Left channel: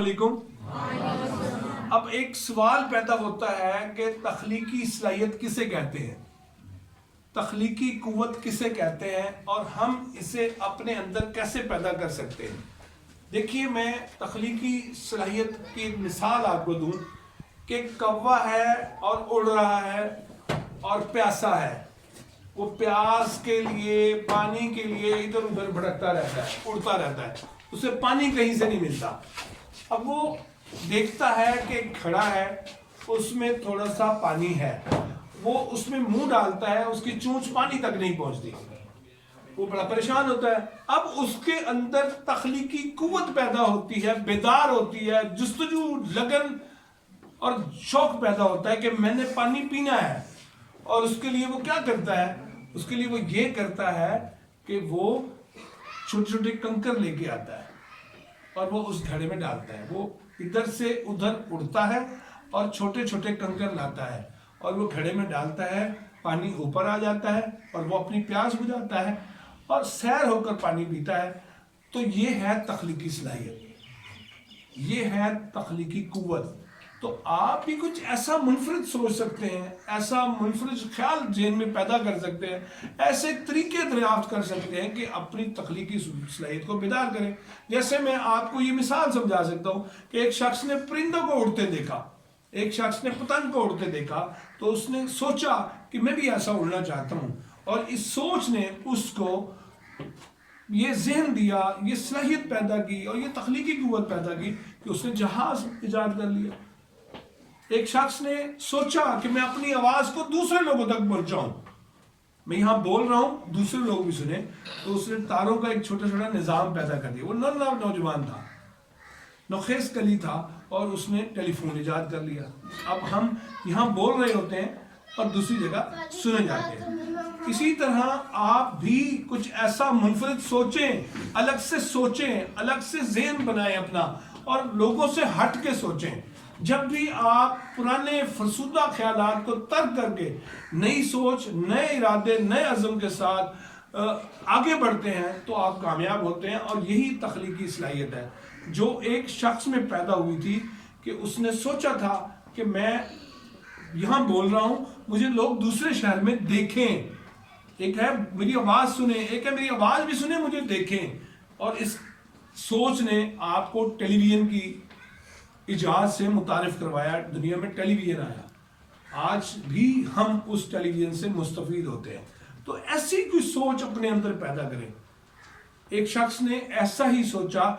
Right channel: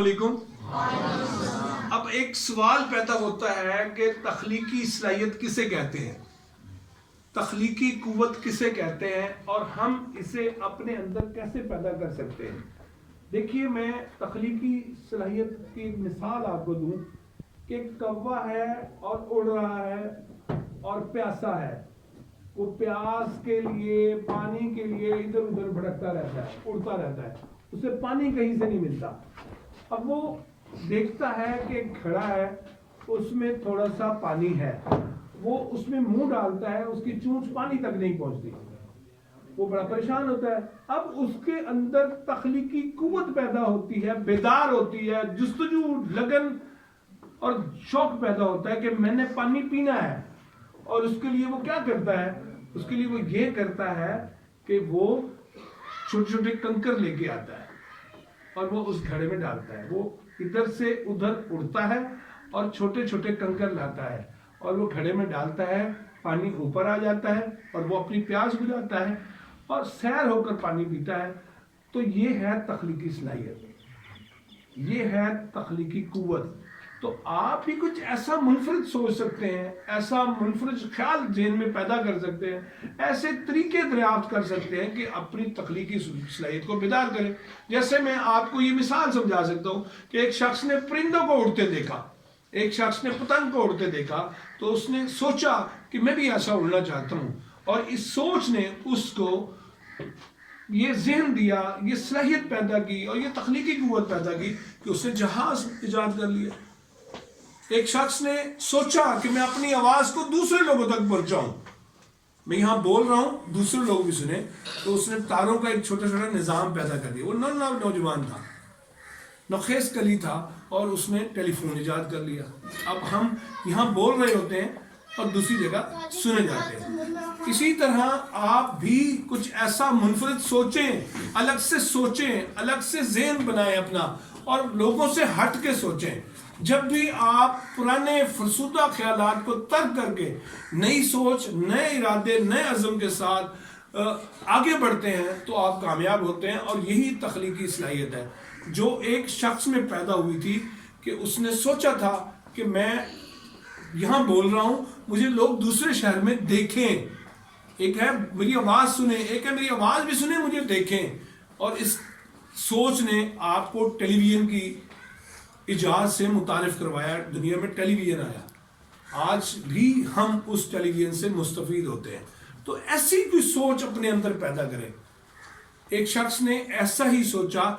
علیکم۔ اب ایک سوال پیدا ہوتا ہے کہ تخلیقی صلاحیت کسے کہتے ہیں، تخلیقی قوت کسے کہتے ہیں، اور ہم اسے اپنے اندر کیسے پیدا کر سکتے ہیں۔ دیکھیے، میں تخلیقی صلاحیت کی ایک مثال آپ کو دوں کہ کوا ہے اور اڑ رہا ہے اور پیاسا ہے، وہ پیاس کے لیے، پانی کے لیے ادھر ادھر بھٹکتا رہتا ہے، اڑتا رہتا ہے، اسے پانی کہیں سے نہیں ملتا۔ اب وہ دیکھتا ہے کہ ایک گھڑا ہے، اس میں تھوڑا سا پانی ہے، وہ اس میں منہ ڈالتا ہے، اس کی چونچ پانی تک نہیں پہنچتی، وہ بڑا پریشان ہوتا ہے۔ اب اس کے اندر تخلیقی قوت پیدا ہوتی ہے، بیدار ہوتی ہے، جستجو، لگن اور شوق پیدا ہوتا ہے کہ میں نے پانی پینا ہے۔ اور اس کے لیے وہ کیا کرتا ہے؟ اس کے لیے وہ یہ کرتا ہے کہ وہ چھوٹے چھوٹے کنکر لے کے آتا ہے اور وہ اس گھڑے میں ڈالتا ہے، وہ ادھر سے ادھر اڑتا ہے اور چھوٹے چھوٹے کنکر لاتا ہے اور وہ گھڑے میں ڈالتا ہے، پانی اوپر آ جاتا ہے اور وہ اپنی پیاس بجھاتا ہے اور سیر ہو کر پانی پیتا ہے۔ تو یہ ہے تخلیقی صلاحیت، یہ ہے تخلیقی قوت۔ تو آپ بھی کچھ ایسا منفرد سوچ سکتے ہیں، ایسا منفرد خیال ذہن میں پیدا کر سکتے ہیں، ایسے طریقے دریافت کر سکتے ہیں کہ اپنی تخلیقی صلاحیت کو بیدار کریں۔ جیسے میں آپ کو یہ مثال سمجھا سکتا ہوں کہ ایک شخص نے پرندوں کو اڑتے دیکھا، ایک شخص نے پتنگ کو اڑتے دیکھا، تو اس نے سوچا کہ میں بھی ایسا اڑنا چاہتا ہوں، اور اس سوچ نے اس کو یہ ذہن دیا، یہ صلاحیت پیدا کی اور یہ تخلیقی قوت پیدا کی کہ اس نے جہاز ایجاد کر لیا۔ ایک شخص نے سوچا کہ میں اپنی آواز کو دوسرے لوگوں تک پہنچاؤں، میں یہاں بول رہا ہوں دوسرے لوگ بھی سنیں، تو اس نے تاروں کا ایک چھوٹا چھوٹا نظام پیدا کر دیا۔ وہ نوجوان تھا، نوخیز کلی تھا، اور اس نے ٹیلی فون ایجاد کر لیا۔ اب ہم یہاں بول رہے ہوتے ہیں اور دوسری جگہ سنے جاتے ہیں۔ اسی طرح آپ بھی کچھ ایسا منفرد سوچیں، الگ سے سوچیں، الگ سے ذہن بنائیں اپنا، اور لوگوں سے ہٹ کے سوچیں۔ جب بھی آپ پرانے فرسودہ خیالات کو ترک کر کے نئی سوچ، نئے ارادے، نئے عزم کے ساتھ آگے بڑھتے ہیں تو آپ کامیاب ہوتے ہیں، اور یہی تخلیقی صلاحیت ہے جو ایک شخص میں پیدا ہوئی تھی کہ اس نے سوچا تھا کہ میں یہاں بول رہا ہوں، مجھے لوگ دوسرے شہر میں دیکھیں، ایک ہے میری آواز سنیں، ایک ہے میری آواز بھی سنیں، مجھے دیکھیں۔ اور اس سوچ نے آپ کو ٹیلی ویژن کی ایجاد سے متعارف کروایا، دنیا میں ٹیلی ویژن آیا، آج بھی ہم اس ٹیلی ویژن سے مستفید ہوتے ہیں۔ تو ایسی کوئی سوچ اپنے اندر پیدا کریں۔ ایک شخص نے ایسا ہی سوچا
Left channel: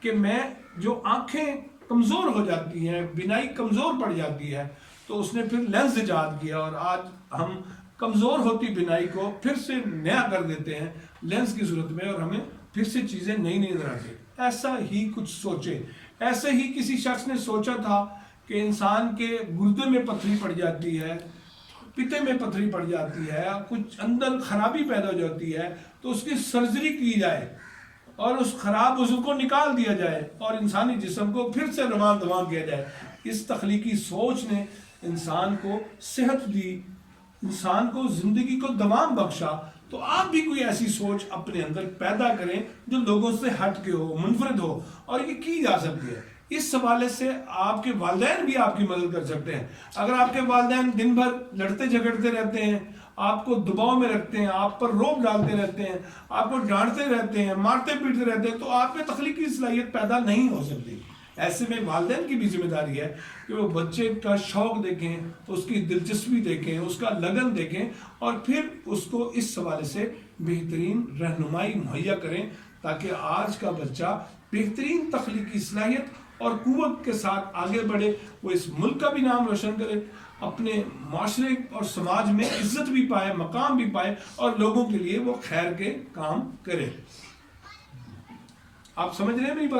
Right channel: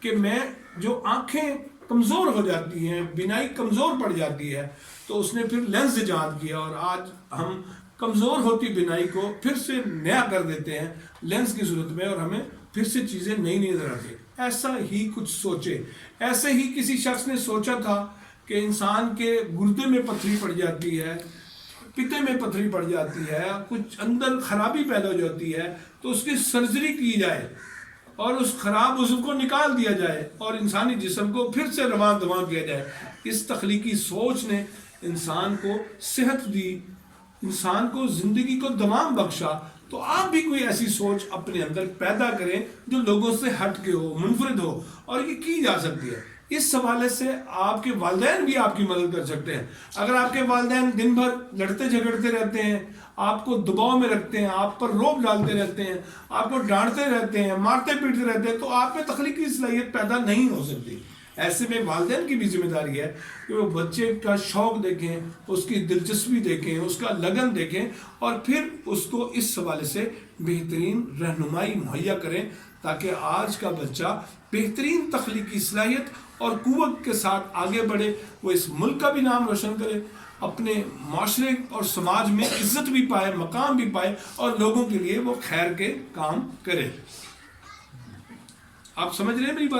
کہ میں جو آنکھیں کمزور ہو جاتی ہیں، بینائی کمزور پڑ جاتی ہے، تو اس نے پھر لینس ایجاد کیا، اور آج ہم کمزور ہوتی بینائی کو پھر سے نیا کر دیتے ہیں لینس کی صورت میں، اور ہمیں پھر سے چیزیں نئی نئی نظر آتی ہیں۔ ایسا ہی کچھ سوچے۔ ایسے ہی کسی شخص نے سوچا تھا کہ انسان کے گردے میں پتھری پڑ جاتی ہے، پتے میں پتھری پڑ جاتی ہے، کچھ اندر خرابی پیدا ہو جاتی ہے، تو اس کی سرجری کی جائے اور اس خراب عضو کو نکال دیا جائے اور انسانی جسم کو پھر سے رواں دواں کیا جائے۔ اس تخلیقی سوچ نے انسان کو صحت دی، انسان کو زندگی کو دوام بخشا۔ تو آپ بھی کوئی ایسی سوچ اپنے اندر پیدا کریں جو لوگوں سے ہٹ کے ہو، منفرد ہو، اور یہ کی جا سکتی ہے۔ اس حوالے سے آپ کے والدین بھی آپ کی مدد کر سکتے ہیں۔ اگر آپ کے والدین دن بھر لڑتے جھگڑتے رہتے ہیں، آپ کو دباؤ میں رکھتے ہیں، آپ پر روب ڈالتے رہتے ہیں، آپ کو ڈانٹتے رہتے ہیں، مارتے پیٹتے رہتے ہیں، تو آپ میں تخلیقی صلاحیت پیدا نہیں ہو سکتی۔ ایسے میں والدین کی بھی ذمہ داری ہے کہ وہ بچے کا شوق دیکھیں، اس کی دلچسپی دیکھیں، اس کا لگن دیکھیں، اور پھر اس کو اس حوالے سے بہترین رہنمائی مہیا کریں تاکہ آج کا بچہ بہترین تخلیقی صلاحیت اور قوت کے ساتھ آگے بڑھے، وہ اس ملک کا بھی نام روشن کرے، اپنے معاشرے اور سماج میں عزت بھی پائے، مقام بھی پائے، اور لوگوں کے لیے وہ خیر کے کام کرے۔ آپ سمجھ رہے ہیں میری بات؟